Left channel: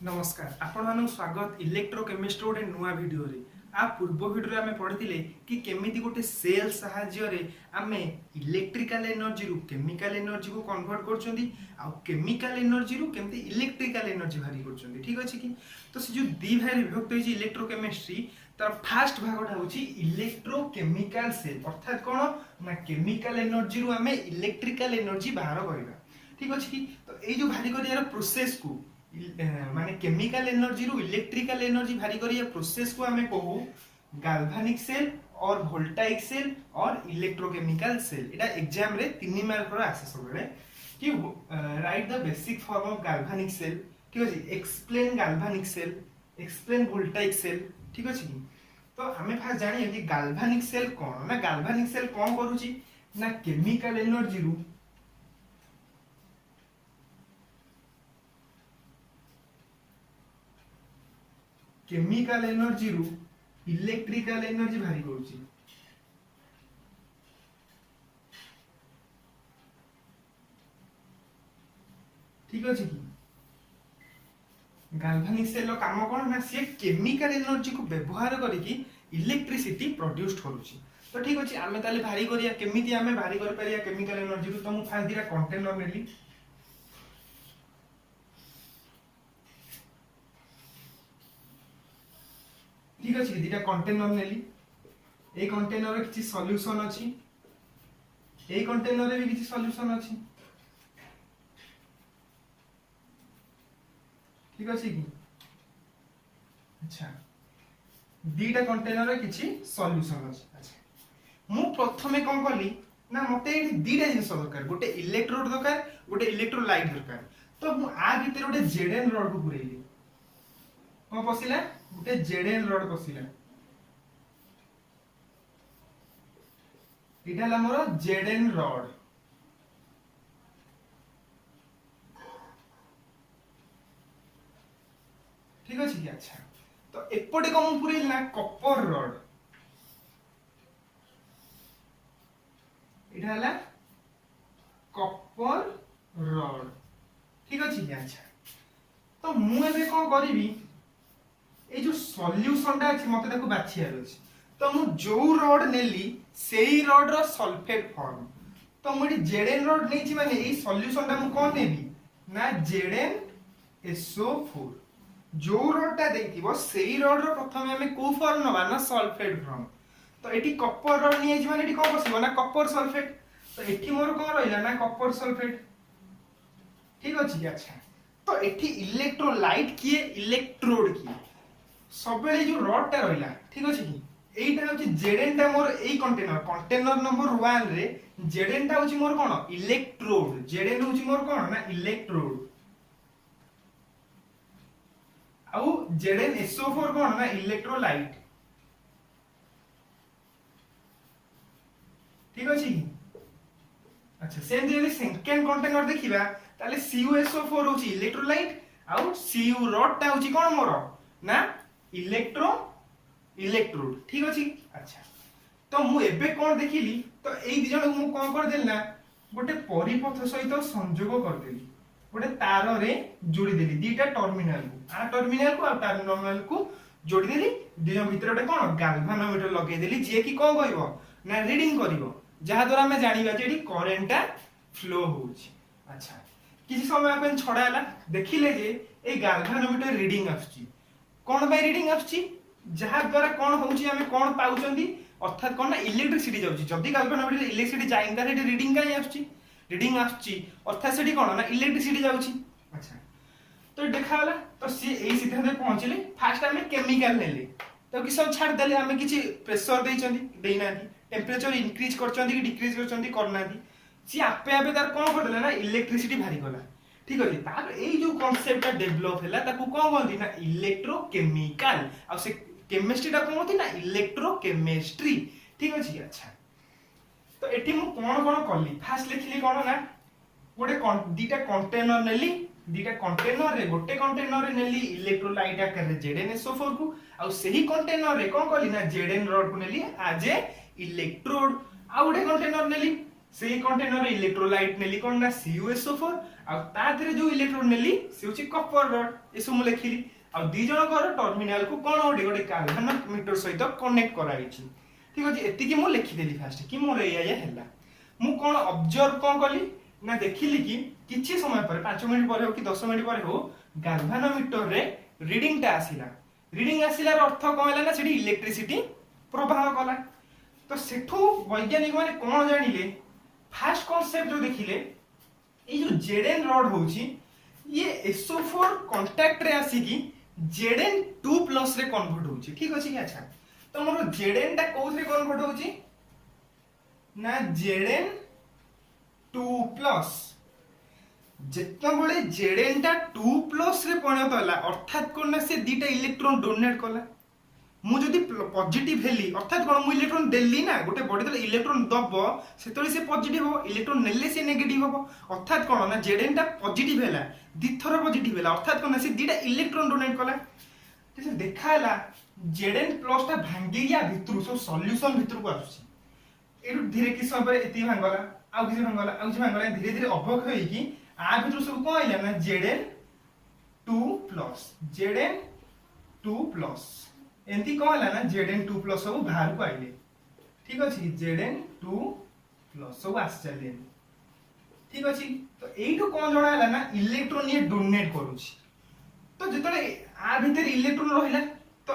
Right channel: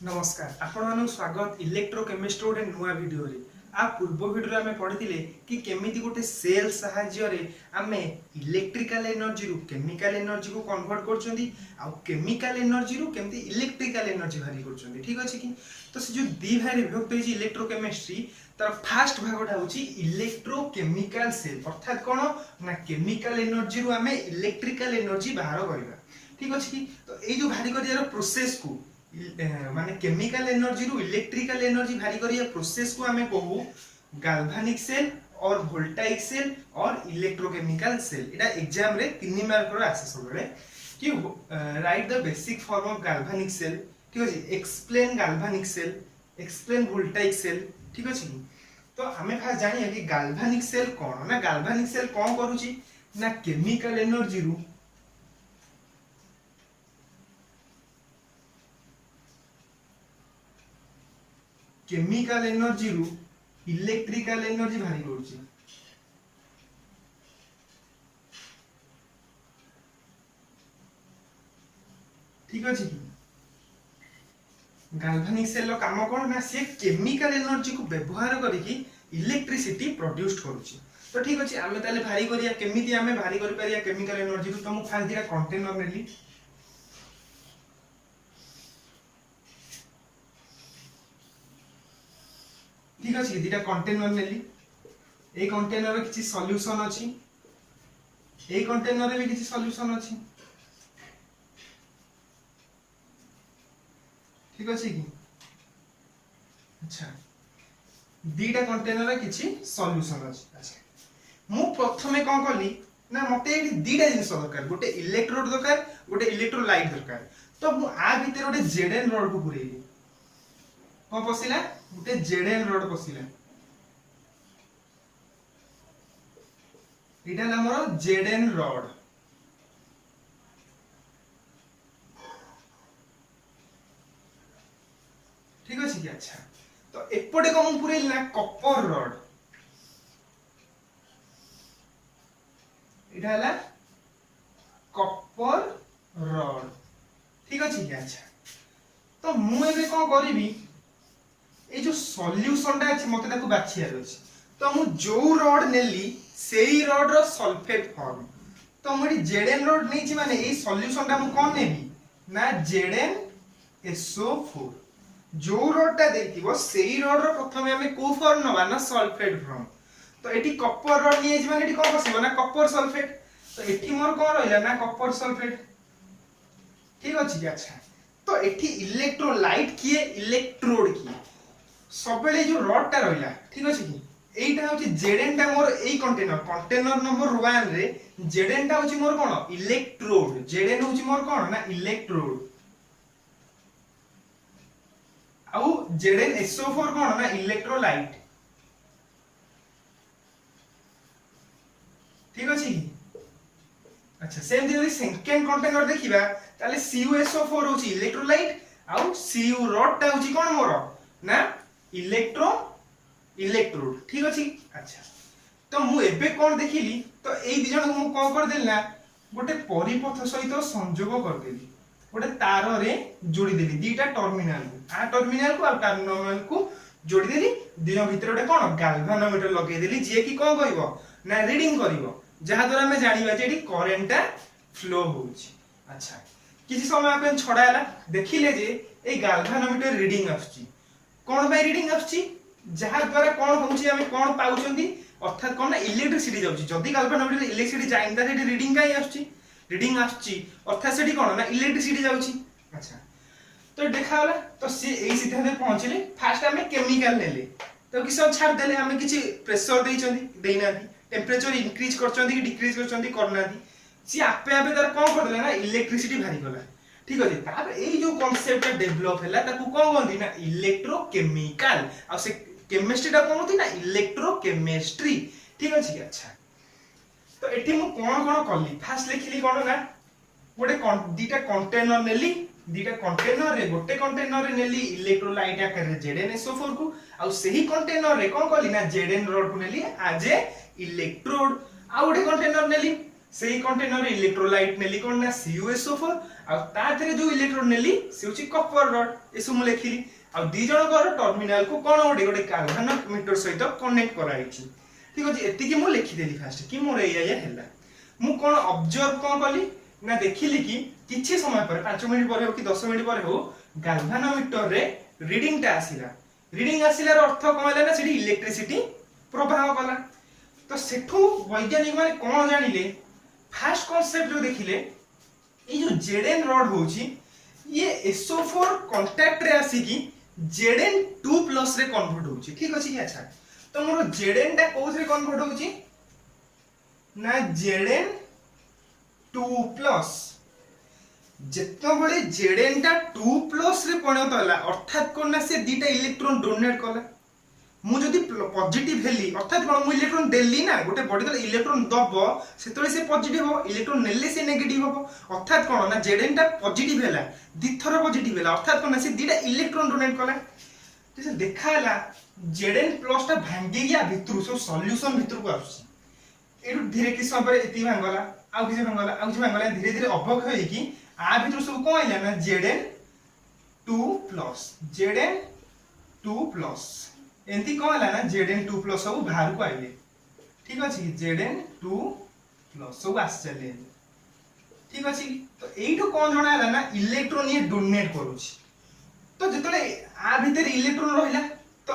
नमस्कार आपण मानक स्वागत इलेक्ट्रोकेमिस्ट्री गोटे नुआ वीडियो रे आ पूर्व वीडियो आमे पढ़िथिले कि केमिति गोटे सेल सहाय्य रे आमे इलेक्ट्रिकल एनर्जी रु केमिकल एनर्जी को कन्वर्ट करछंदी आ केमिकल एनर्जी रु केमिति इलेक्ट्रिकल एनर्जी भारी करछंदी ठीक अछि कि तो से जो दी भाग विभक्त होई इलेक्ट्रोकेमिस्ट्री तार फर्स्ट भागटा होची इलेक्ट्रोकेमिकल सेल अर्थात कोन ना केमिकल एनर्जी रु आमे इलेक्ट्रिकल एनर्जी बाहर करबा ठीक अछि कि तो ए जो भारी करियार प्रोसेस को माने केमिकल एनर्जी रु इलेक्ट्रिकल एनर्जी भारी करिया प्रोसेस को हमें कहू गाल्वानिक सेल और वोल्टाइक सेल और इलेक्ट्रोकेमिकल सेल एटा एग्जाम रे 3 मार्क रो आसे सबले कि write the basic form of galvanic cell ठीक अछि explain galvanic cell explain voltaic cell ठीक अछि तो हमें फास्ट जानिया कि गाल्वानिक सेल कोन ना गाल्वानिक सेल कोन करूची ना केमिकल एनर्जी रु केमिकल एनर्जी रु इलेक्ट्रिकल एनर्जी भारी करूची ठीक अछि गाल्वानिक सेल रो काम कोन ना से केमिकल एनर्जी को व्यवहार करिकि इलेक्ट्रिसिटी प्रोड्यूस करूची तो ठीक अछि आमे ताले भारी करिया केमिति आमे भारी कर परिया केमिकल एनर्जी रु तो मु फास्ट दिरा कंटेनर नेली ठीक अछि दिटा कंटेनर नेली ए कंटेनर रे किछि सॉल्यूशन अछि ए कंटेनर रे भी किछि सॉल्यूशन अछि ठीक अछि कि अच्छा दीटा कंटेनर रे किछि सॉल्यूशन अछि अच्छा मु प्रथमे कोन करली ना मते एठी दीटा जिंस दरकार गोटे इलेक्ट्रोड दरकार गोटे इलेक्ट्रोलाइट दरकार तो मु आ भीतर गोटे जेडएन रॉड को पुरेली कोन पसिला गोटे जेडएन रॉड पसिला एटा ला मोर जेडएन रॉड ठीक अछि कि अच्छा तो एपटे कोन पुरेली ना कॉपर रॉड एटा ला कॉपर रॉड ठीक अछि कि अच्छा तो मु एबे कोन करिवि ए जो सॉल्यूशन टा अछि मते ताको बाछियार अछि तो मु जो रॉड नेली सेही रॉड रो सल्फेट फॉर्म तो मु जेडएन रॉड नेछि माने ए सॉल्यूशन टा मु कोन नेबी ना जेडएनSO4 जो रॉड टा देइतिबो सेही रॉड रो प्रथमे हमें को फॉर्म नबा ना सल्फेट फॉर्म तो एठी कॉपर रॉड नियछि माने एठी कोन बसिबो ना कॉपर सल्फेट तो एठी मोर कोन रहिला ना कॉपर सल्फेट ठीक अछि अच्छा तो एठी इलेक्ट्रोलाइट किए इलेक्ट्रोड किए सबले जो रॉड टा रहिला ठीक अछि कि एइटा होची जेडएन टा मोर एई कंटेनर नंबर 1 रे जेडएन टा होची मोर कोन इलेक्ट्रोड जेडएन होची मोर कोन ना इलेक्ट्रोड आउ जेडएनSO4 कोन ना इलेक्ट्रोलाइट ठीक अछि कि अच्छा सेम जदी सेकंड कंटेनर देखिबा ताले CuSO4 होची इलेक्ट्रोलाइट आउ Cu रॉड टा होची कोन मोर ना इलेक्ट्रोड ठीक अछि अच्छा तो मु एबे कोन देखिली तो एई दिजन मु कोन कर देली ना गोटे परिपथ सहित संयोग कर देली गोटे तार रे जोड़ी देली दीटा टर्मिनल को आ टर्मिनल को आ टर्मिनल को जोड़ी देली दिजन भीतर गोटे कोन गाल्वानोमीटर लगे देली जे कि कोन कहइबो ना रीडिंग करिवो जहा द्वारा हमें जानिबा जे एठी करेंटटा फ्लो होउची अच्छा किछि समय आपन छडायला देखिले जे ए गाल्वानोमीटर रीडिंग आछी कोन बाय रीडिंग आछी जहा द्वारा कोन होउची हमें कोन पाउचंदी अर्थात कोन ना इलेक्ट्रिसिटी जाउची जदी गाल्वानोमीटर इलेक्ट्रिसिटी जाइंदा सेठी रीडिंग काई आछी रीडिंग आछी अर्थात सेठी कोन ना इलेक्ट्रिसिटी जाउची अच्छा तो देखाला तो सी एई सिद्धांत पहुंचले फास्ट हमें केमिकल नेले तो कि सब छाड़ देले हमें किछि प्रेशर देइचंदी देइनादी टेंपरेचर इंक्रीज करचंदी कि डिक्रीज करचंदी करनादी सी आपे आपे तार कोन कर देले ना इलेक्ट्रिसिटी भारी गला ठीक अछि तापर एई जो कांसेप्ट ता डेवलप हैला ताकू कोन गंदी ना इलेक्ट्रोकेमिकल आ से केमिस्ट्री ता कोन होती ना इलेक्ट्रोकेमिस्ट्री ठीक अछि अच्छा तो एठी मु कोन कोन करली फास्ट लिखली कोन ना गोटे दीटा कंटेनर नेली दीटा कंटेनर रे गोटे कंटेनर रे नेली इलेक्ट्रोलाइट आकार रे जेडएनSO4 को आ सेही कंटेनर रे कोन करली ना जेडएन रॉड को नेली आज ए इलेक्ट्रोड आ गोटे कंटेनर नेली सेही कंटेनर इलेक्ट्रोलाइट नेली कोन ना CuSO4 आ ता थरे जो इलेक्ट्रोड नेली से होची कॉपर रॉड एसु मु लेखिली आ दी जण कर टर्मिनल को कोन गोटे गोटे गाल्वानोमीटर सहित कनेक्ट कराइछि ठीक अछि एति कि मु लिखि देली फास्ट कि मोर एया हैला मु कोन ऑब्जर्व कोन कली ना देखिली कि किछि समय पर 5 मिनिट पर हो कि 10 मिनिट पर हो गाल्वानोमीटर रे रीडिंग ता आसिला अर्थ कोन हैला ना सेठी इलेक्ट्रिसिटी प्रवाह कला तो सेठू वैज्ञानिक माने कोन जानिले फास्ट कांसेप्ट जो देखिले ये जो Zn रॉड होची ये SO4 कांटेक्ट रे आसी कि Zn2+ रे कन्वर्ट होची ठीक अछि अच्छा तो मोर Zn ता कोस रे कन्वर्ट होची ना Zn2+ जेतो बळे Zn ता 2+ रे परिणत होला अर्थात कोन ना से दीटा इलेक्ट्रॉन डोनेट कला मु जदि पॉजिटिव हेली अर्थात कोन मु इलेक्ट्रॉन देली ना गोटे बॉडी तले इलेक्ट्रॉन दबो सेतले से पॉजिटिव हो इलेक्ट्रॉन नेले से नेगेटिव हो अर्थात कोन ना Zn ता पॉजिटिव हैला दिथर पॉजिटिव हैला अर्थात कोन ना से दीटा इलेक्ट्रॉन डोनेट कला जे देखाला Zn+ ता भांगी गया भितरु सब सॉल्यूशन भितरु को आसी एरु धीरे कि समय एति भांगला आ किछि भांगला धीरे धीरे अभक होई कि आ भितरु सब कोन हैला ना Zn2+ एंती कौन है ना Zn2+ सब बाहर को आइले ठीक अछि Zn2+ सब आस चले ठीक अछि तो एइठो कोन जणा हैला ना इलेक्ट्रॉन ये डोनेट करूछि तो जतले आ भीतर इलेक्ट्रॉन रहिला तो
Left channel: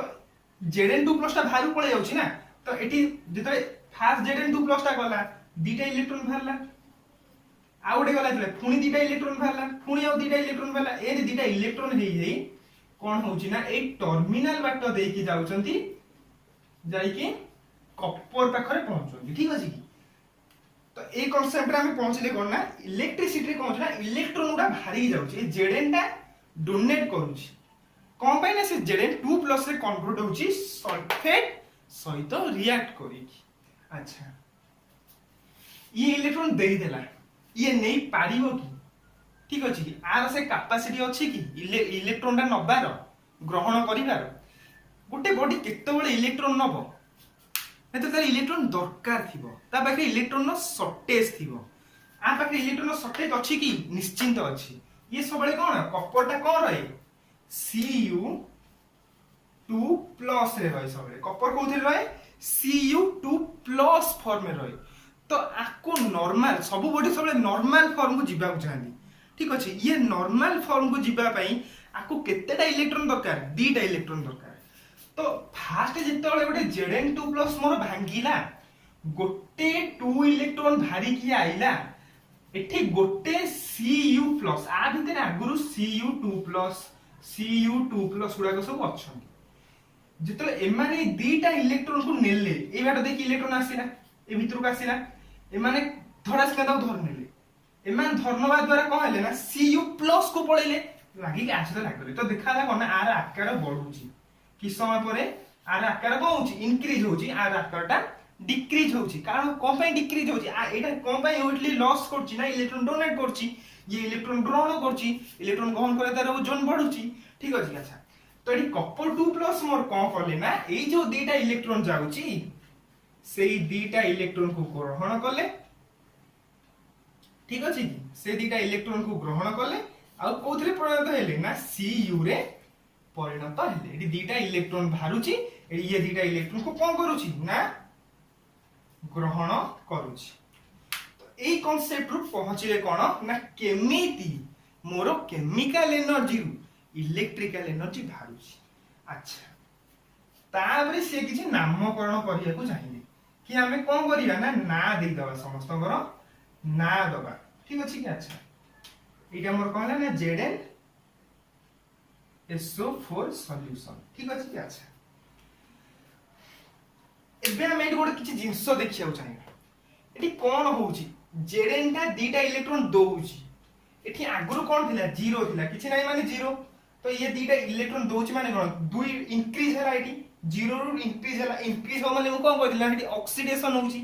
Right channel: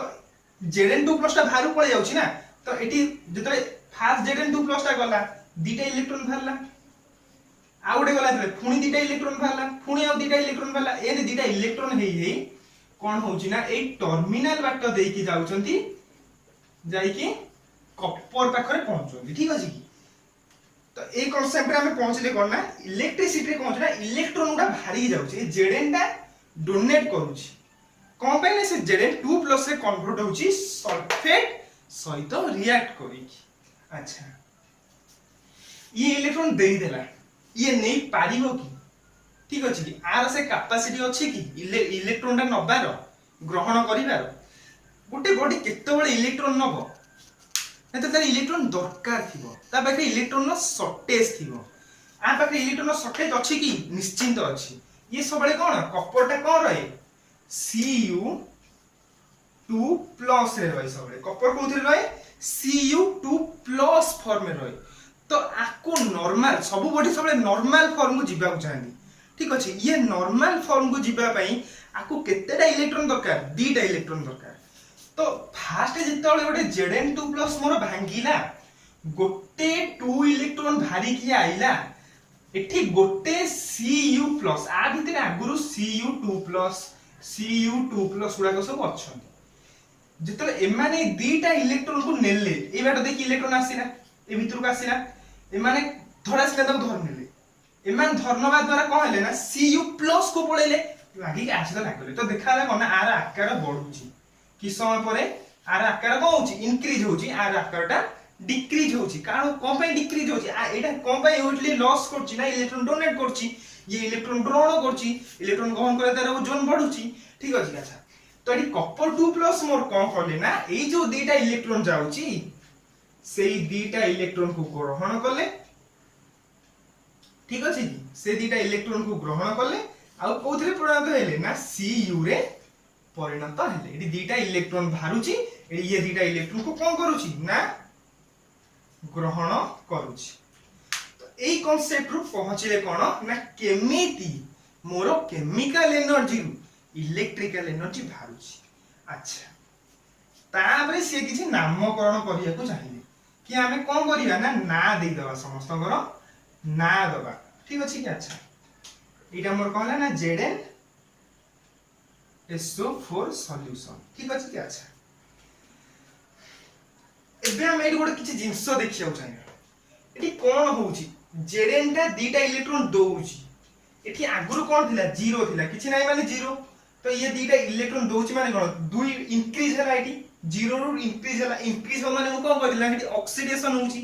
Zn2+ ता बाहर पळे जाउछि ना तो एटी जतले फास्ट Zn2+ ता गला दीटा इलेक्ट्रॉन बाहरला आ उडे गला तले पुनी दीटा इलेक्ट्रॉन बाहरला पुनी आ दीटा इलेक्ट्रॉन बाहरला ए दीटा इलेक्ट्रॉन हेई कोन होउची ना ए टर्मिनल बाट देई कि जाउचंती जाई कि कॉपर पाखरे पहुंचोंती ठीक अछि तो ए कांसेप्ट रे हम पहुंचले कोन ना इलेक्ट्रिसिटी रे कोन ना इलेक्ट्रॉन उडा भारी जाउची Zn ता डोनेट करूची कोन पे ना से Zn2+ रे कन्वर्ट होउची सल्फेट सहित रिएक्ट करी अच्छा ये इलेक्ट्रॉन देई देला ये नहीं पारिबो कि ठीक अछि कि आर से कैपेसिटी अछि कि इलेक्ट्रॉन ता नबार ग्रहण करिवार गोटे बॉडी केते बेले इलेक्ट्रॉन नबो एते तार इलेक्ट्रॉन दरकार थिबो ता बाकी इलेक्ट्रॉन नो शॉर्टेज थिबो आ बाकी इलेक्ट्रॉन नो शॉर्टेज अछि कि निश्चिंत अछि ये सबले कोन कॉपर ता कोन रहे Cu2+ रे रहे सबले कॉपर कोथि रहे Cu2+ फॉर्म में रहे तो आको नॉर्मल सब बॉडी सबले नॉर्मल फॉर्म को जिबा को चाहंदी ठीक अछि ये नॉर्मल फॉर्म को जिबा पई आको केतेटा इलेक्ट्रॉन दरकार दीटा इलेक्ट्रॉन दरकार तो फास्ट जेतले गोटे Zn2+ मोर भांगीला गोटे 2 इलेक्ट्रॉन भारी कि आइला एठी गोटे Cu+ आ भितरे आगुरु Cu2+ गुडा को सब अछन जेतले एमाने दीटा इलेक्ट्रॉन को नेले ए बाटो देखि इलेक्ट्रॉन आसिला ए भितर को आसिला एमाने थोड़ा सिला तक धर नेले एमान धर्मवा द्वारा कोन हेले ना Cu+ को पळेले लागि आसिला लागले तो देखाला कोन आर आकार बढुची कि समय परे आर आकार कोन होची इंक्रीज होची आर आकारटा डिक्रीज होची कारण कोन पय डिक्रीज होची आ एटा कोन पय ओटली लॉस करची ना इलेक्ट्रॉन डोनेट करची ये इलेक्ट्रॉन ग्रहण करची इलेक्ट्रॉन ग्रहण करे तार ओजन बढ़ुची ठीक अछि अच्छा तो एटी कॉपर 2+ मोर कोन करले ना ए जो दीटा इलेक्ट्रॉन जाउची सेही दीटा इलेक्ट्रॉन को ग्रहण करले ठीक अछि से दीटा इलेक्ट्रॉन को ग्रहण करले आ कोथरे परिणत हेले ना Cu रे परिणत हेले एटी दीटा इलेक्ट्रॉन भारुची ये दीटा इलेक्ट्रॉन को कोन करूची ना ग्रहण करूची तो एई कांसेप्ट रु पहुंचले कोन ना केमिति मोर केमिकल एनर्जी रु इलेक्ट्रिकल एनर्जी भारुची अच्छा ताबरे से किछि नामकरण करिया को चाहिए कि हमें कोन करिया ना देई दबा समस्त ना दबा ठीक अछि कि अच्छा इटा मोर कहला ना ZnSO4 सॉल्यूशन ठीक अछि कि अच्छा एबे हम एडी गोटे किछि जिंस देखिया चाहिए एटी कोन होउची Zn ता दीटा इलेक्ट्रॉन दोउची एठी आगुरु कोन थिला 0 थिला किछि नाही माने 0 तो ये दीटा इलेक्ट्रॉन दोउची माने कोन 2 इंक्रीज हला एठी 0 रु इंक्रीज हो माने कोन करथिला एठी ऑक्सीडेशन होउची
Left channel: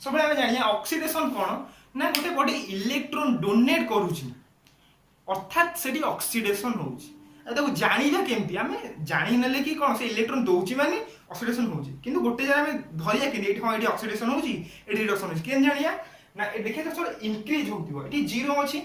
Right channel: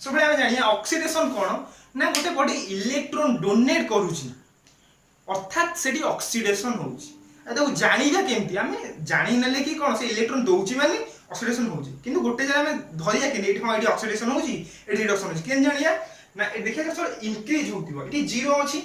सबले हम जानिया ऑक्सीडेशन कोन ना गोटे बॉडी इलेक्ट्रॉन डोनेट करूची अर्थात सेठी ऑक्सीडेशन होउची देखो जानिया केमती हमें जानि नले कि कोन से इलेक्ट्रॉन दोउची माने ऑक्सीडेशन होउची किंतु गोटे जरा हमें धरिया कि एठी हां एठी ऑक्सीडेशन होउची एठी रिडक्शन होउची केन जानिया ना देखिए सब इंक्रीज होतिबो एटी 0 अछि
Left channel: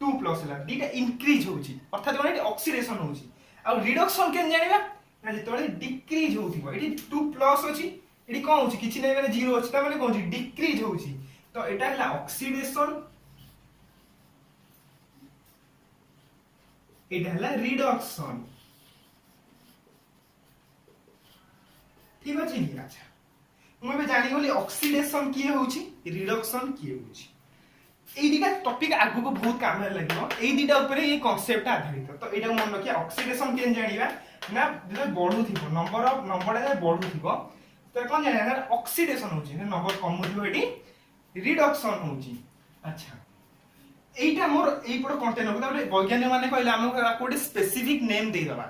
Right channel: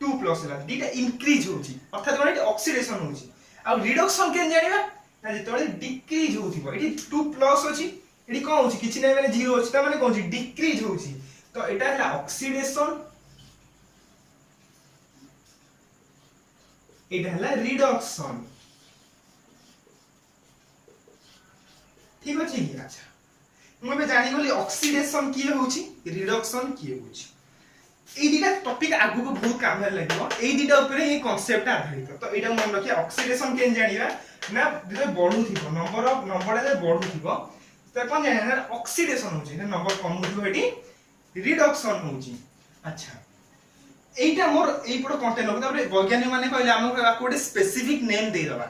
2 प्लस हला दीटा इंक्रीज होउची अर्थात कोन एटी ऑक्सीडेशन होउची आ रिडक्शन केन जानिबा ना जेतोले डिक्रीज होतिबो एटी 2 प्लस अछि एटी कोन होउची किछि नै माने 0 अछि ता माने कोन होउची डिक्रीज होउची तो एटा हला ऑक्सीडेशन एटा हला रिडक्शन ठीक अछि अच्छा मु बे जानि गली ऑक्सीडेशन किए होउची रिडक्शन किए होउची এই দুটা টপিক আগুকো বহুত কামে লাগিব এই দুটা উপরে এই কনসেপ্ট আধারিত তো এটা মন রাখিয়া অক্সিডেশন কেন জানিবা না যেটা বড়ুথিব নম্বরটা বড়ুথিব তো কোন জানা না অক্সিডেশন হোচি না নম্বর কমুথিব এটি রিডকশন হোচি আচ্ছা এইটা মোর এই পড় কন্টেন্ট হবে তারপরে বৈজ্ঞানিক মানে কইলে আমক কোডে স্পেসিফিক নেম দেই দবা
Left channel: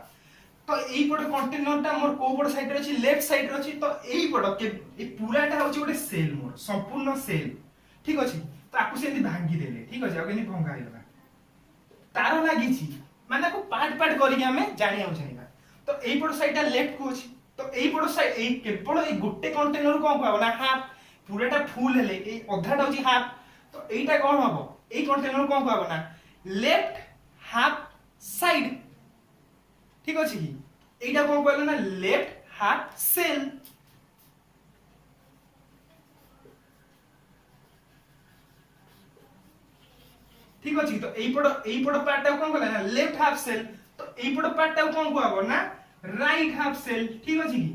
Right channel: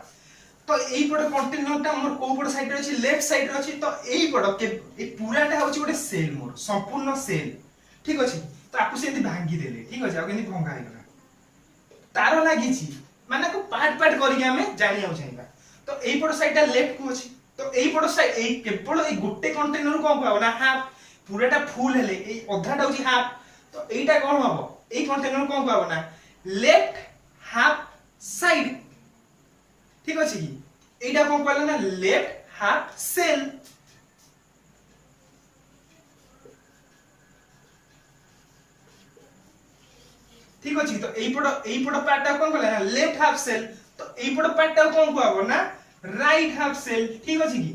তো এই পড় কন্টেন্টটা মোর কো পড় সাইড রে আছে লেফট সাইড রে আছে তো এই পড় এই পুরাটা হচ্ছে গোটে সেল মোর সম্পূর্ণ সেল ঠিক আছে तो आपको से भांगी देले ठीक अछि आ केनी भंगा हे गला तारो लागि छी माने को पार्ट पार्ट करी के हमें जानियो चाहिबा तो एई पड़ साइडटा लेफ्ट को अछि तो एई पड़ साइड एई केवल एई गुट्टे कंटेनर कोन कहबो ना हाफ पूराटा फुल हेले एई अधाटा होची हाफ तो एईटा कोन हबो एई कंटेनर कोन कहबो ना लेफ्ट हाफ साइड ठीक अछि एईटा कोन कहला ना लेफ्ट हाफ सेल ठीक अछि तो एई पड़ पार्टटा कोन कहला ना लेफ्ट हाफ सेल तो एई पड़ पार्टटा कोन कहबो ना राइट हाफ सेल ठीक अछि की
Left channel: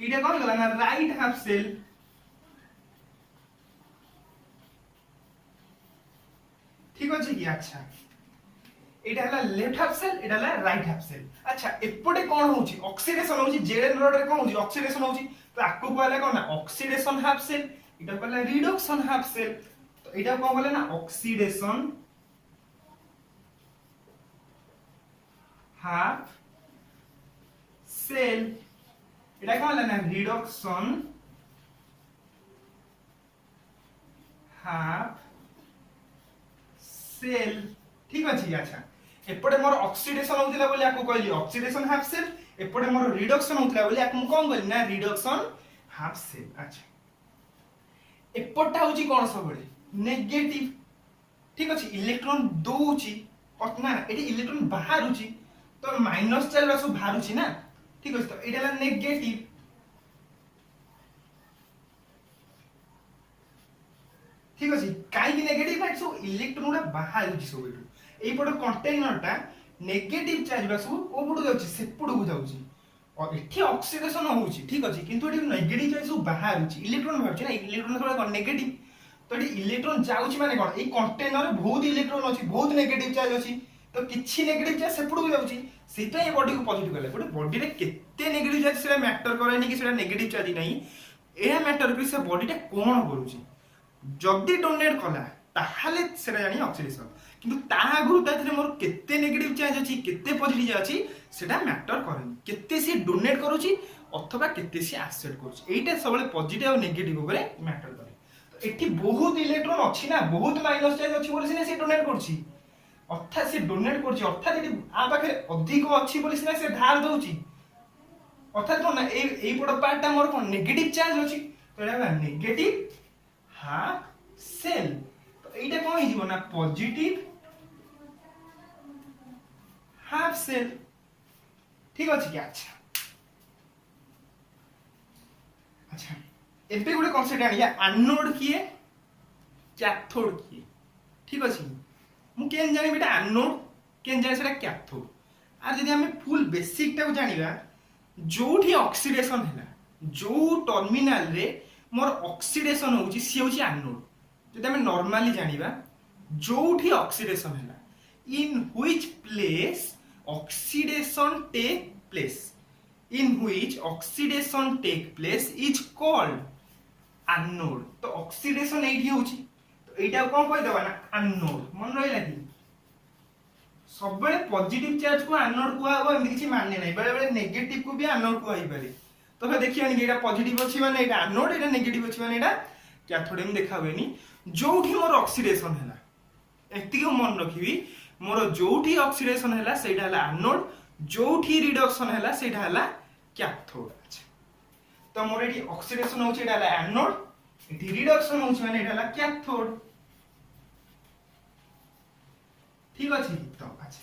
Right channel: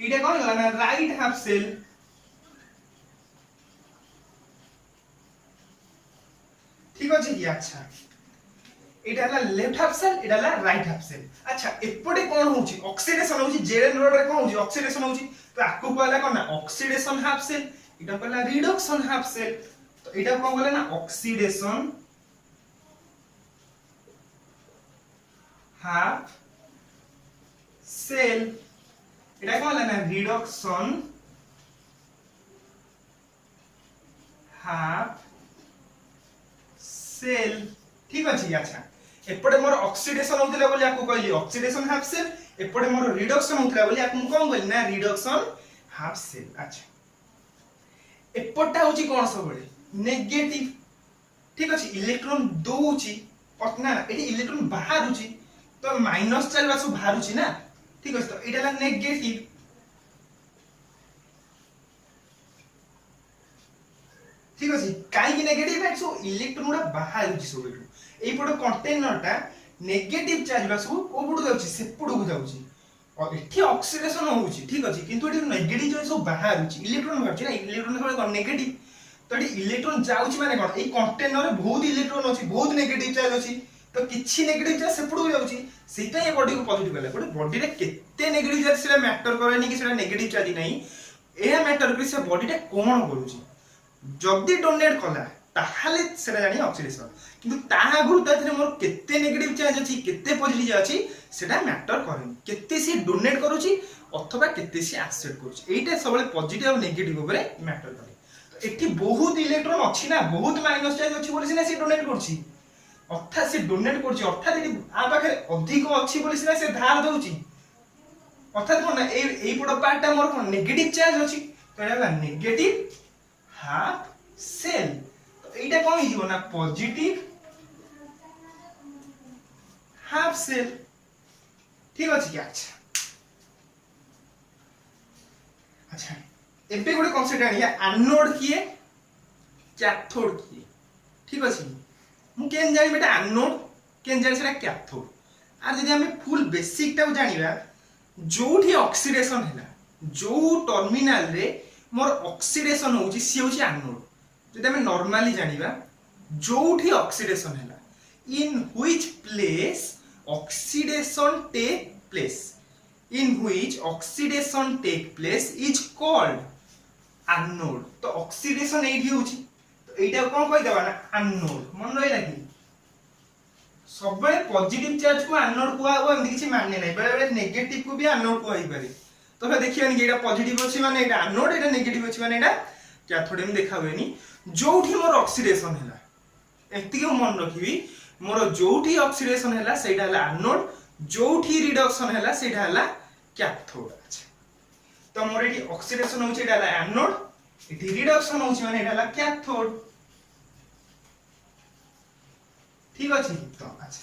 एटा कोन कहला ना राइट हाफ सेल ठीक अछि की अच्छा एटा हला लेफ्ट हाफ सेल एटा हला राइट हाफ सेल अच्छा एपटे कोन होउची ऑक्सीडेशन होउची जेड नोड रे कोन होउची ऑक्सीडेशन होउची तो आकु कहला कोन ना ऑक्सीडेशन हाफ सेल एटा कहला रिडक्शन हाफ सेल तो एटा कोन कहले ना ऑक्सीडेशन हाफ सेल एटा कोन कहले ना रिडक्शन हाफ सेल ठीक अछि अच्छा एपटे मोर ऑक्सीडेशन होतला बोली आकु कहली ऑक्सीडेशन हाफ सेल एपटे मोर रिडक्शन होतला बोली आकु कोन कहली ना रिडक्शन हाफ सेल अच्छा एपटा होची कोन सबले नेगेटिव ठीक अछि इलेक्ट्रॉन दोउची पटना एटी इलेक्ट्रॉन बाहरुची तो माइनस चार्ज आसु बाहरुची ना ठीक अछि तो एटाला नेगेटिव ठीक अछि काई कि नेगेटिव है सो इलेक्ट्रॉन गुडा बाहरुची सब एटू एई पड कंटेनरटा नेगेटिव चार्ज बासु ओबडु जाउची सेपडु को जाउची और एठी ऑक्सीडेशन होउची ठीक अछि किंतु एटी नेगेटिव चार्ज सब बाहरुची इलेक्ट्रॉन बाहरुची ना इलेक्ट्रॉन सबले कोन नेगेटिव तो एटी इलेक्ट्रॉन जाउची माने कोन एई कंटेनर रे बहुत इलेक्ट्रॉन अछि बहुत नेगेटिव चार्ज अछि तो किछि नेगेटिव चार्ज सेपडु को जाउची सेटा ए बॉडी को पॉजिटिव कले बट बॉडी रे केते नेगेटिव चार्ज सेटा मैटर करेनी कि सेटा नेगेटिव चार्ज नहीं एहा मैटर कि से बॉडीटा कोन करूची जदी डोनेट कला ताहाले सेटा जानी ऑक्सीडेशन किंतु ता आगुरु ताथरे मोर केते नेगेटिव चार्ज अछि केते पॉजिटिव अछि सेटा मैटर करेनी केते से डोनेट करूची अथवा केते से एक्सेप्ट करूची एटा सबले पॉजिटिव और नेगेटिव ऊपर मैटर करे तो एठी बहुत इलेक्ट्रॉन अछि ना बहुत माइनस चार्ज अछि बोली से डोनेट करछि अर्थात से डोनेट करछि अर्थात एठी आ पाखरे अधिक अछि बोली से धार दउची अर्थात कोन एई पड पार्टटा मोर कोन नेगेटिव चार्ज अछि तो एला नेगेटिव हाफ सेल तो एटा कोन हि जीवो ना पॉजिटिव हाफ सेल ठीक अछि क्या अच्छा अच्छा एबे गोटे कॉन्सेप्ट आनिया एनोड किए कैथोड किए ठीक अछि मु केन जानि बेटा एनोड केन जानि सेटा कैथोड आ जदि हमें फुल बेसिक टा जानिबा जोठी ऑक्सीडेशन हैला जो टर्मिनल रे मोर ऑक्सीडेशन होउची सी होउची एनोड जदि हमें नॉर्मली जानिबा जोठी ऑक्सीडेशन हैला in which place oxidation take place in which oxidation take place is called anode तो oxidation एठी होची तो एटा कोन कहि देबा ना anode मन रहिला कि सबले पॉजिटिव चार्ज को एनोड को आबो एमि किछि माने नै बेले बेले नेगेटिव को भी एनोड को आइ पारे तो देखियोनी कि एटा पॉजिटिव अछि माने एटा एनोड एटा नेगेटिव अछि माने एटा कैथोड में देखा होएनी जोठी मोर ऑक्सीडेशन हैला एति को मन रखिबी मोर जोठी ऑक्सीडेशन हैला सेटा हैला एनोड जोठी रिडक्शन हैला सेटा हैला कैथोड अच्छा तो मोर एठी ऑक्सीडेशन होची एटा हैला एनोड एठी रिडक्शन होची माने एटा ला कैथोड ठीक अछि तो अच्छा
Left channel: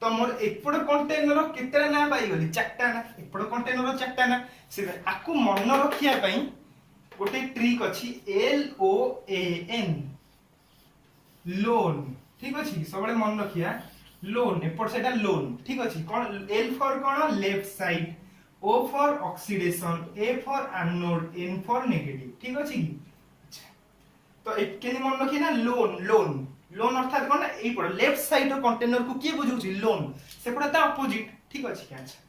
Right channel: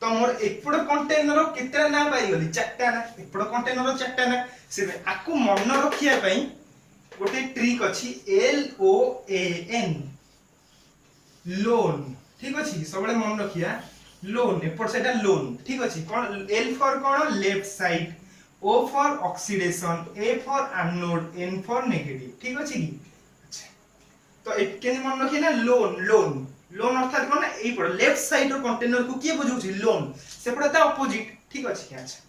तो मोर एपड़ कंटेनर केतेरा ना पाई गली चारटा ना एपड़ कंटेनर चारटा ना से आकु मन रखिया पई गोटे ट्रिक अछि LOAN लोन ठीक अछि सबले मन रखिया लोन एपड़ सेटा लोन ठीक अछि कोन L for cone left side O for oxidation A for anode N for negative ठीक अछि की अच्छा तो के मन रखिए ना लोन लोन लोन अर्थात कोन एई पड़ लेफ्ट साइड रो कंटेनर को के बुझौछि लोन से पड़ ता अपोजिट ठीक अछि क्या अच्छा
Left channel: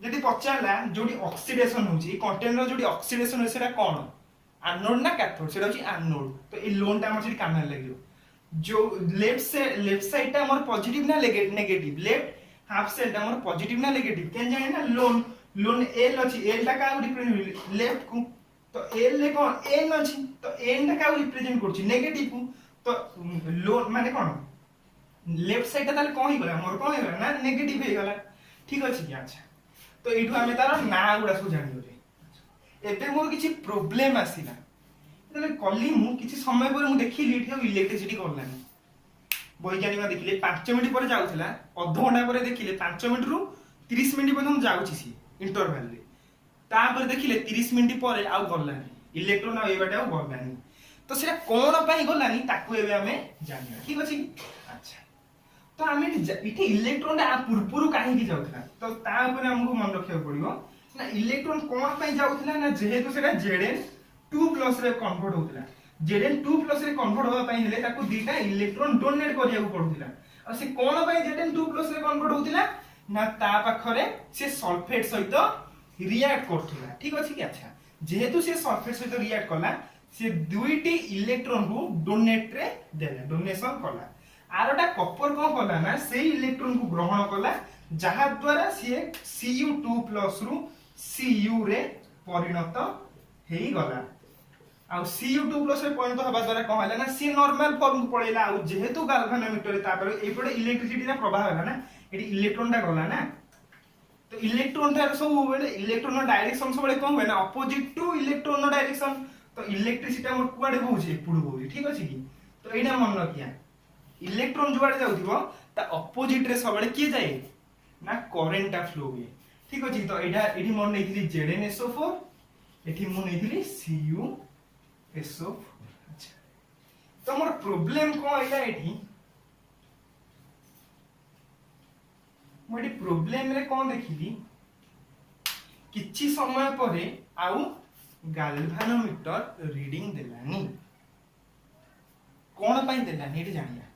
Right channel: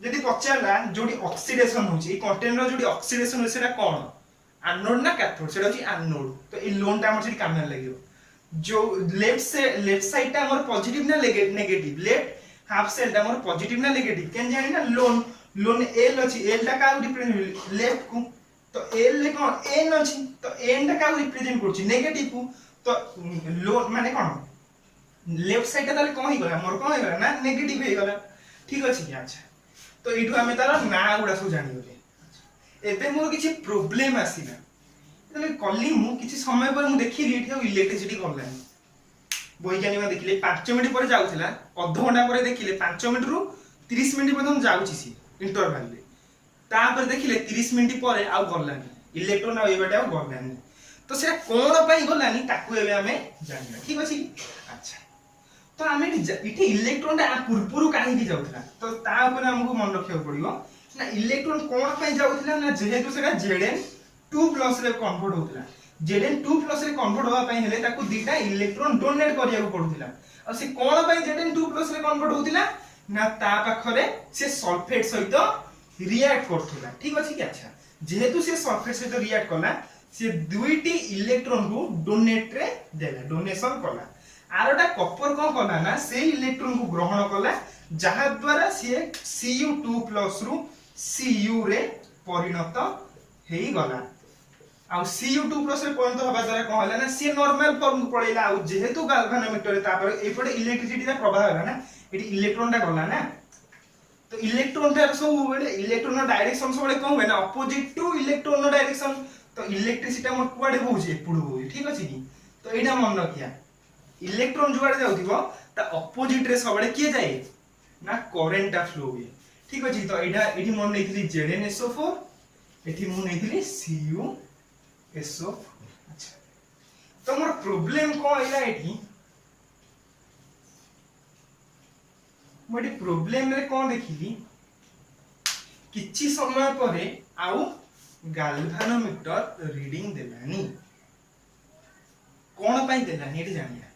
जदि पचारला जोडी ऑक्सीडेशन होछि ए कंटेनर जोडी ऑक्सीडेशन होछि सेटा कोन एनोड ना कैथोड सेटा होछि एनोड तो ए लोन ता हमर सेठी काम लागियो जो लेफ्ट साइड ता हमर पॉजिटिव ना नेगेटिव लेफ्ट हाफ सेल ता हमर पॉजिटिव ना नेगेटिव केन जानि ना लोन लोन L अछि L ता का रिप्रेजेंट लेफ्ट को तो L ले कोन N अछि तो N ता का रिप्रेजेंट करछि नेगेटिव को तो लोन माने कोन लेफ्ट साइड ता ताले कोन ही गला हमर कोन ही गला ना नेगेटिव हे गला ठीक अछि क्या अच्छा तो एठु हमें तार ना गुडा सब जानि होले एबे मोर किछि प्रॉब्लम आसीना तले कली मु किछि समय पर मु देखिली एठी इलेक्ट्रिसिटी करलानी वैज्ञानिक देखिले 5 मिनिट पर जाउथिला आधा घंटा पर देखिले 5 मिनिट रु 30 मिनिट पर्यंत जाउछि सी इंटरवल रे तापर देखिले 30 मिनिट पर आउ गलानी इलेक्ट्रॉन आ एबाटे आउ गलानी तो सेटा कोन पई गलानी ताकू एबे हमें जानिबा ठीक अछि अच्छा तो हमें इथे इलेक्ट्रॉन ता पुरपुरु काहे की जाउथला तो ता ऊपर हमको मन रखियो पड़ियो ना इलेक्ट्रॉन कोन पई जाउथला ना जेहेतु सेटा Zn2+ रे कन्वर्ट होतला Zn2+ रे कन्वर्ट होबा पई हेले ताकू दीटा इलेक्ट्रॉन डोनेट करिया को पड़ुथला आ से कोन पई Zn2+ रे कन्वर्ट होतला ना ता पाखरे से सल्फेट सहित रिएक्ट करथला ठीक अछि कि अच्छा जेहेतु से सल्फेट सहित रिएक्ट कला से दुईटी इलेक्ट्रॉन को डोनेट रे देला डोनेशन कला आरटा कॉपर को कला ना से इलेक्ट्रॉन को ग्रहण कला जहा द्वारा से Cu2+ रु Cu रे परिणत हेई गला आ Cu2+ रे परिणत होबा द्वारा कोन हला ना से नॉर्मल फॉर्म पळेला आ जेहेतु गाल्वानोमीटर तापर एपडे इलेक्ट्रिसिटी रा प्रभाव होला ना एटी इलेक्ट्रॉन टा गला ना तो इलेक्ट्रॉन टा सब बेले इलेक्ट्रॉन डायरेक्शन सब बेले कोन होय ना अपोजिट टू इलेक्ट्रॉन डायरेक्शन तो इलेक्ट्रिसिटी हमर कुआडे होउची एपुडु होई ठीक अछि की तो एटा मन रखिया इलेक्ट्रॉन जुआडे जाउथिबो ता अपोजिट रे सबले के जाय ना करंट फ्लो हुए ठीक अछि तो एटा एठी मन नैथिली ZnSO4 एठी मन नैथिली CuSO4 अच्छा तो हमर प्रॉब्लम को आइला एठी मोडी प्रॉब्लम रे कोन देखिली किछि समय परे आउ गाल्वानोमीटर रीडिंग देलानी कोन पई देलानी एठी जानिया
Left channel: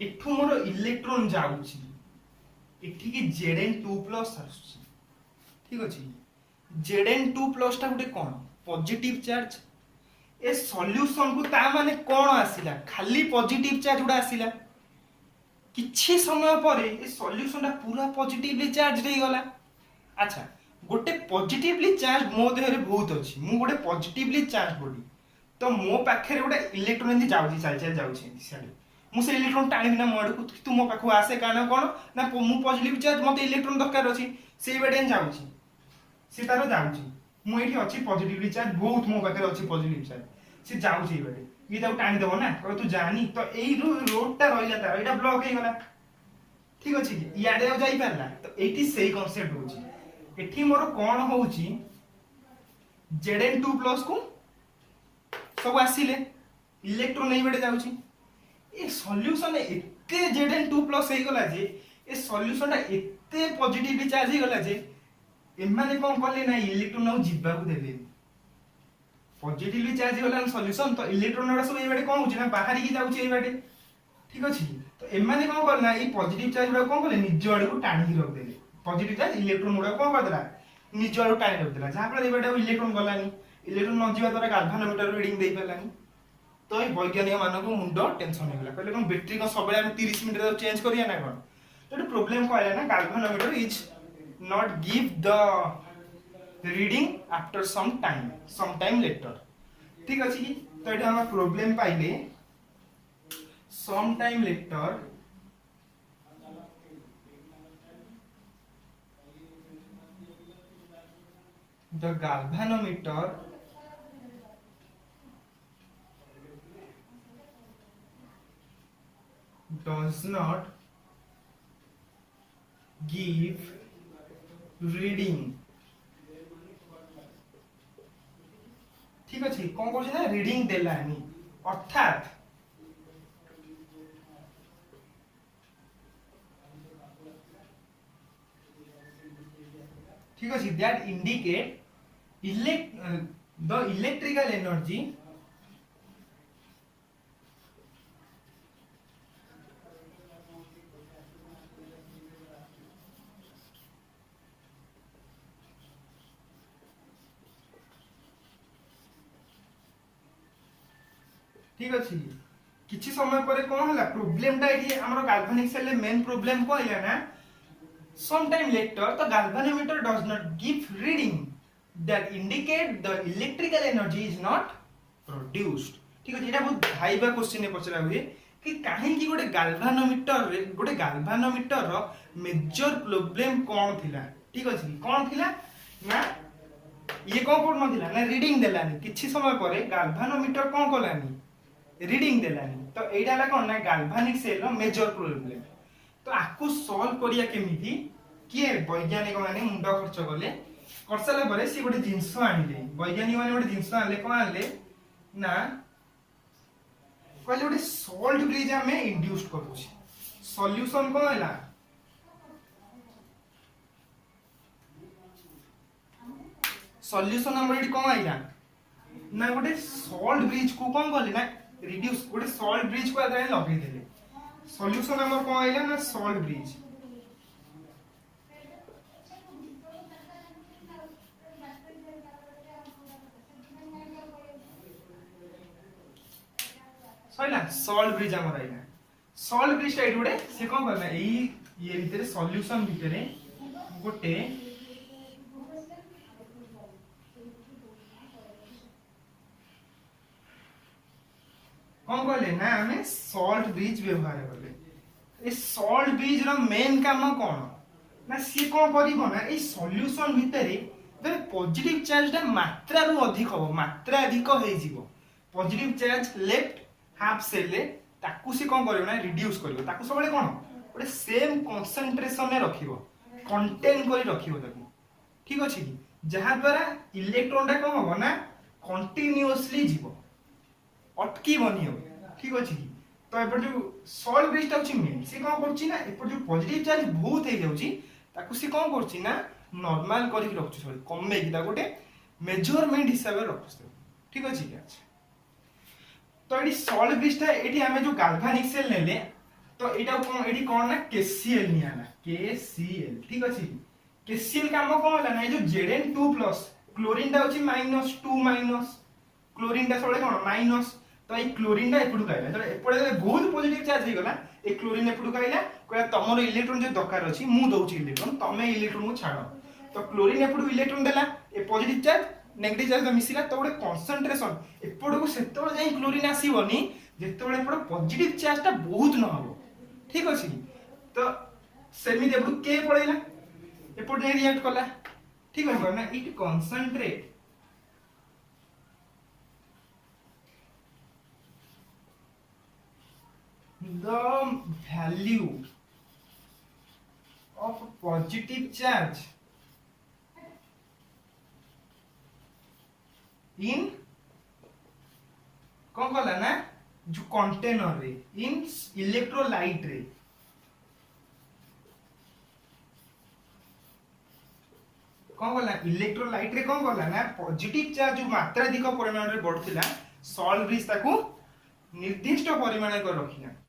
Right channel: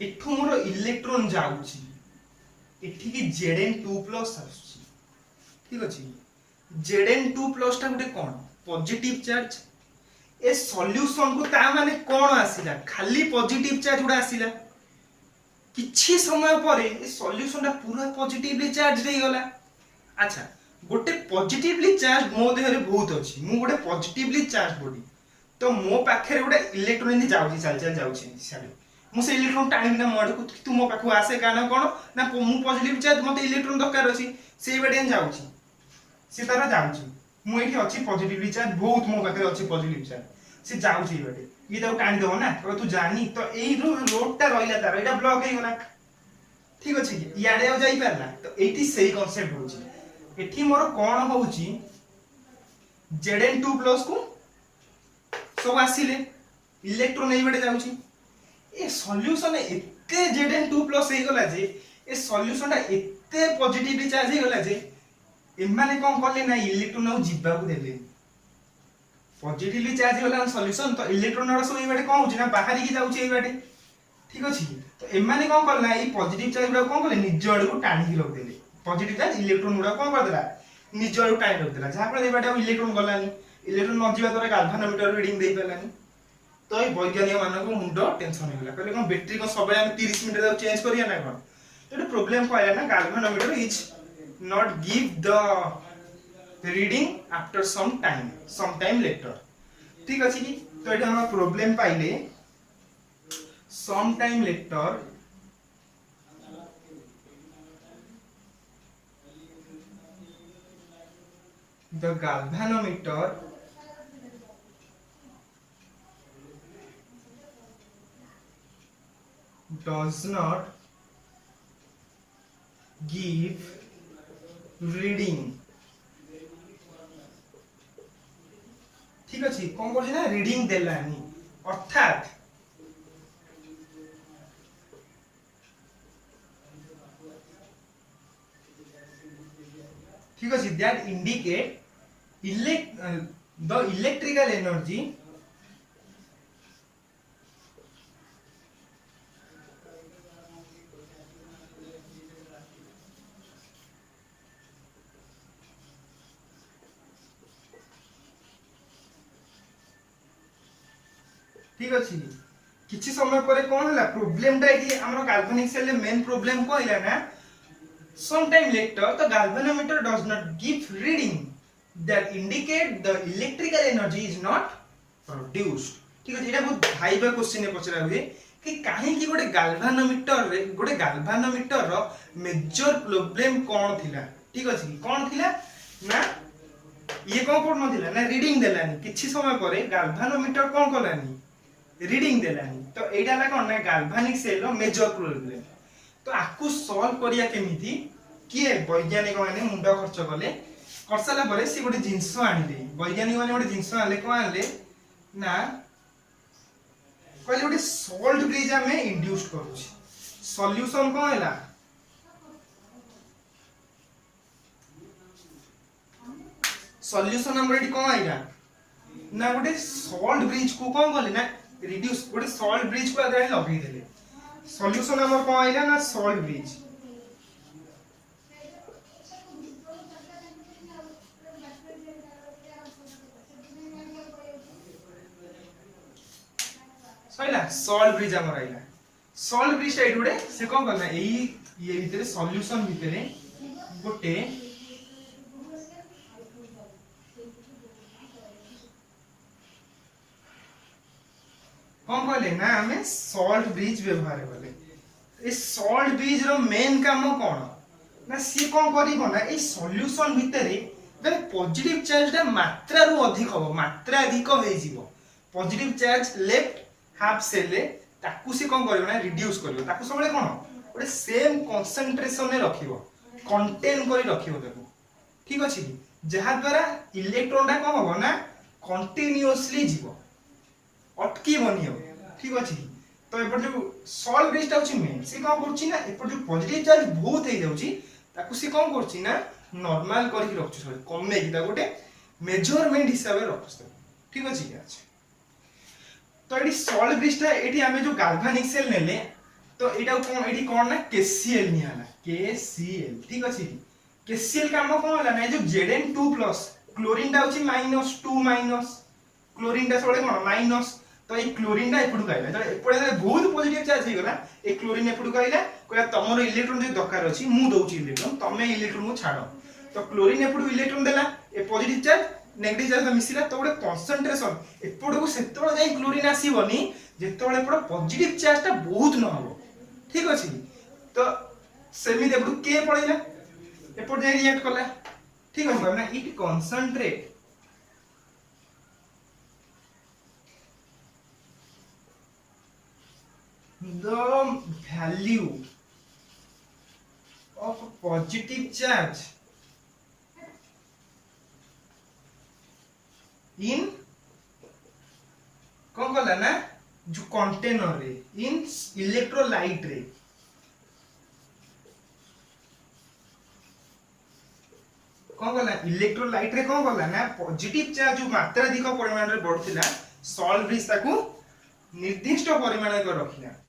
एठु मोर इलेक्ट्रॉन जाउची एठी की Zn2+ आसुची ठीक अछि Zn2+ ता गुटे कोन पॉजिटिव चार्ज ए सॉल्यूशन को ता माने कोन आसीला खाली पॉजिटिव चार्ज उडा आसीला किछि समय परे ए सॉल्यूशन ता पूरा पॉजिटिवली चार्ज रे गला अच्छा गोटे पॉजिटिवली चार्ज मो देहरे बहुत अछि मु गोटे पॉजिटिवली चार्ज बॉडी तो मो पाखरे गोटे इलेक्ट्रॉन नि जाउची चल चल जाउची सारे मु से इलेक्ट्रॉन टाणी ना मोड को तू मो पाखु आसे कारण कोन ना मु पॉजिटिव चार्ज मते इलेक्ट्रॉन दरकार अछि से बेडे जाउची से तार जाउची मु एठी अछि पॉजिटिवली चार्ज बहुत मो पाखरे अछि पॉजिटिव चार्ज से जाउची बेडे ये तो टाणी दो ना तो तू जानी तो एई रोड टा रहिला तार एटा ब्लॉक हे गला ठीक अछि कि याडे आ जाई परला तो एठी सेही कांसेप्ट होची एठी मोर कोन होउची Zn2+ को सब आसीले इलेक्ट्रॉन एई बेडे जाउची ए सॉल्यूशन एते Zn2+ हे गला जे ए सॉल्यूशन ता एते पॉजिटिवली चार्ज हे गला जे एमाने कोन करले ना इलेक्ट्रॉन आ जिबा को देले पॉजिटिवली चार्ज होला सॉल्यूशन तो इलेक्ट्रॉन रा सब एई बेडे कोन होची ना बाहर की जाउची एई बेडे ठीक अछि तो एमाने कोन करला ए पॉजिटिव चार्ज गुडा कोन करले निज आड़ को टाणी रख देले पॉजिटिव चार्ज इलेक्ट्रॉन गुडा कोन कर देला निज आड़ टाणी रख देला जहा पर एई बेडे इलेक्ट्रॉन गलानी इलेक्ट्रॉन न जिबा द्वारा गाल्वानोमीटर रीडिंग देई पेलानी तो ए वैज्ञानिक मानको मुंडो टेंशन होला कहले कोन बैटरी को सबले हम 30 मिनिट रे चेंज करिया ना कोन तो प्रॉब्लम को आया ना galvanometer is not give the reading after some time later ठीक अछि की तो एटा हम प्रॉब्लम पाइले some time later the galvanometer does not give reading ठीक अच्छे कौन कर ना रीडिंग देलानी अर्थात ठीक अच्छे that indicate the electrical energy ठीक अच्छे किछि समय पर कौन है प्रोब्लेम आम गाल्वानिक सेल मेन प्रोब्लेम कहला ना some time later the galvanometer does not give reading that indicate the electrical energy is not produced ठीक है। बहुत भाइबा क्वेश्चन पचरा हुए कि कहीं गोटे गाल्वानोमीटर रो मेजर प्रोब्लेम कौन थिला ठीक अच्छे कौन थिला ना ये कौन पड़ नथिला ना रीडिंग देलानी किछि समय पर गाल्वानोमीटर कौन कलानी रीडिंग देलानी तो एटा ला कोन ना गाल्वानिक सेल रो मेजर प्रोब्लेम तो आकु सॉल्व करिया केमिति किए वैज्ञानिक माने मुंड खर्च कले करसाला परे सी गोटे जिंस आनिले वैज्ञानिक माने गोटे जिंस आले कोन आले ना कहले गोटे सॉल्ट ब्रिज हमें इंड्यूस करूची सॉल्यूशन कोन हला सॉल्यूशन हमर एडी कोन आइला ना गोटे सॉल्ट ब्रिज को कोन कहले ना रिड्यूस गोटे सॉल्ट ब्रिज को आगे लगे देले सॉल्यूशन हमर कोन आइला ना सॉल्ट ब्रिज सइला सॉल्ट ब्रिज हमर आइला सॉल्ट ब्रिज एडी गोटे से कोन करना एई ये भीतर सॉल्यूशन भीतर गोटे कौन कहले ना हमें सॉल्ट ब्रिज व्यवहार कले ए सॉल्ट ब्रिज रो मेन काम कोन ना सी कोन करिवो ना ए सॉल्यूशन भितरे जब पॉजिटिव चार्ज दा मात्रा रो अधिक हो मात्रा अधिक होई जीवो positive charge left half cell ताकू सी कोन करिवो ना रिड्यूस करिवो ताकू सबले कोन ओटे सेम कंसंट्रेशन ने रखिवो कंटेन करी रखिवो ताकू ठीक अछि जहा द्वारा इलेक्ट्रॉन दा कोन होबो ना कंटीन्यूअसली जीवो अटकी बनी हो ठीक अछि तो एपर जो सॉल्ट ब्रिज होची मेन से कोन करछि ना एपर जो पॉजिटिव चार्ज बहुत हे जाउची ताकू से कोन करछि ना नॉर्मल करी के रखछि सॉरी कमे कि ता गोटे मेजरमेंट हिसाब रे रखछि ठीक अछि अच्छा तो एडी सॉल्ट ब्रिज ता एडी हमें जो गाल्वानिक सेल नेले तो एटा कोन एडी कोन ना केसीएल नियाला केसीएल ठीक अछि केसीएल काम कोन होला ना जो Zn2+ क्लोरीन दा होची -2 क्लोरीन दा सबले कोन माइनस तो ये क्लोरीन दा एपडू काइला तो एपडे बहुत पॉजिटिव चार्ज हे गला ए क्लोरीन एपडू काइला कोया तमरो इलेक्ट्रॉन जे दरकार अछि मु दउची इलेक्ट्रॉन तमे इलेक्ट्रॉन को छाडो तो क्लोरीन एपडू इलेक्ट्रॉन देला ए पॉजिटिव चार्ज नेगेटिव चार्ज मिसिला तो गोटे कंसंट्रेशन एपडू को सेतोळे जाई क्लोरीन आसीबनी जेतोळे एपडो पॉजिटिव चार्ज ता बहुत न हबो ठीक अछि तो सेमी एपडू के पळैला एपडू जाई रिएक्ट कला ठीक अछि ना it concentrate the value of positive charge in कौन कहला ना जो कंटेनर रे इन इलेक्ट्रोलाइट रे कौन कहला इलेक्ट्रोलाइट रे कौन कहला ना पॉजिटिव चार्ज जो मात्रा अधिक परिमाण रे बढ़थिला सॉल्ट ब्रिज ताकू निर्दिष्ट परिमाण कर रखिला